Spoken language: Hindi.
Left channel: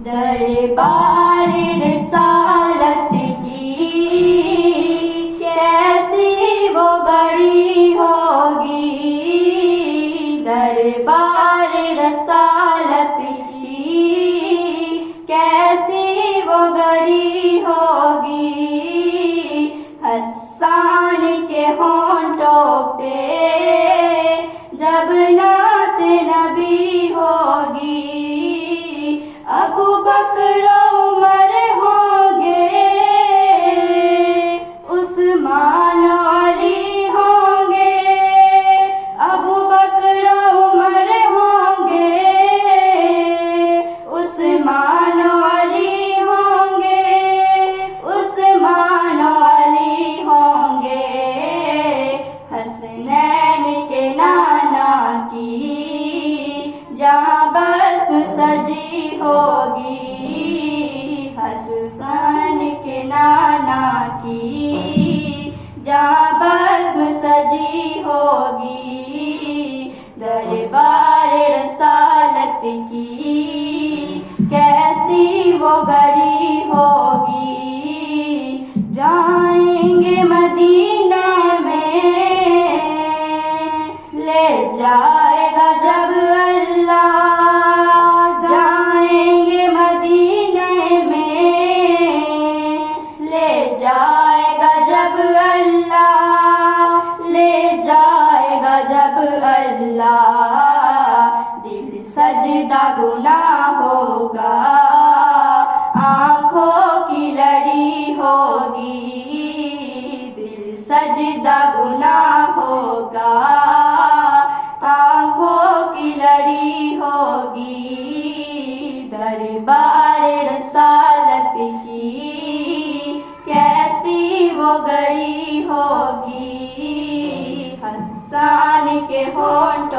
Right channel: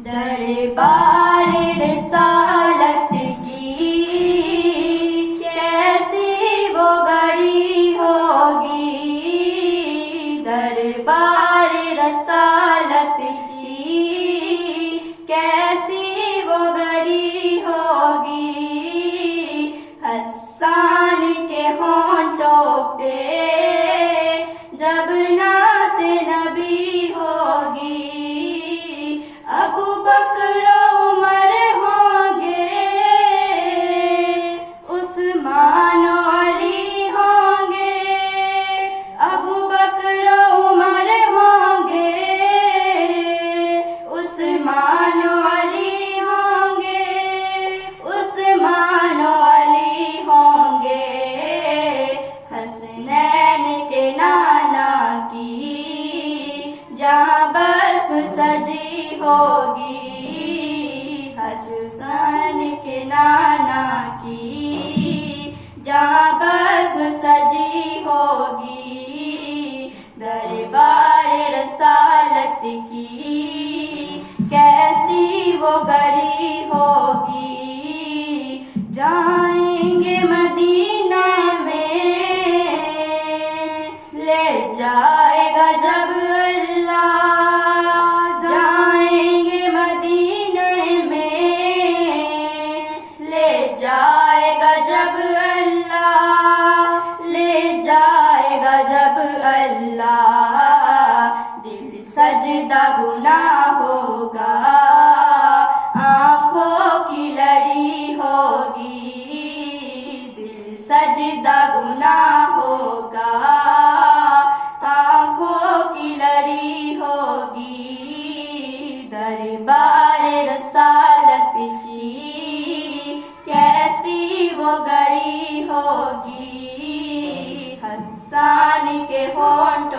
दरबार रिसालत की कैसी वो बड़ी होगी, दरबार रिसालत की कैसी वो बड़ी होगी। हसन के होंठों पे जब नात नबी होगी, अबू बकर उमर होंगे, उस्मान अली होंगे, अबू बकर उमर होंगे, उस्मान अली होंगे, उस्मान अली होंगे। हसनैन के नाना की जहाँ बस्म सजी होगी, हसन के नाना की जहाँ बस्म सजी होगी। दरबार रसालत की कैसी वो गरी होगी। जाएंगे मदीना में ले जाएगा जब अल्लाह, जाएंगे मदीने में ले जाएगा जब अल्लाह, ले जाएगा जब अल्लाह। दिल सजदा गुनाह होगा, आँखों की लड़ी होगी, दिल सजदा गुनाह होगा, आँखों की लड़ी होगी। दरबार रसालत की कैसी वो गरी होगी। हसन के होंठ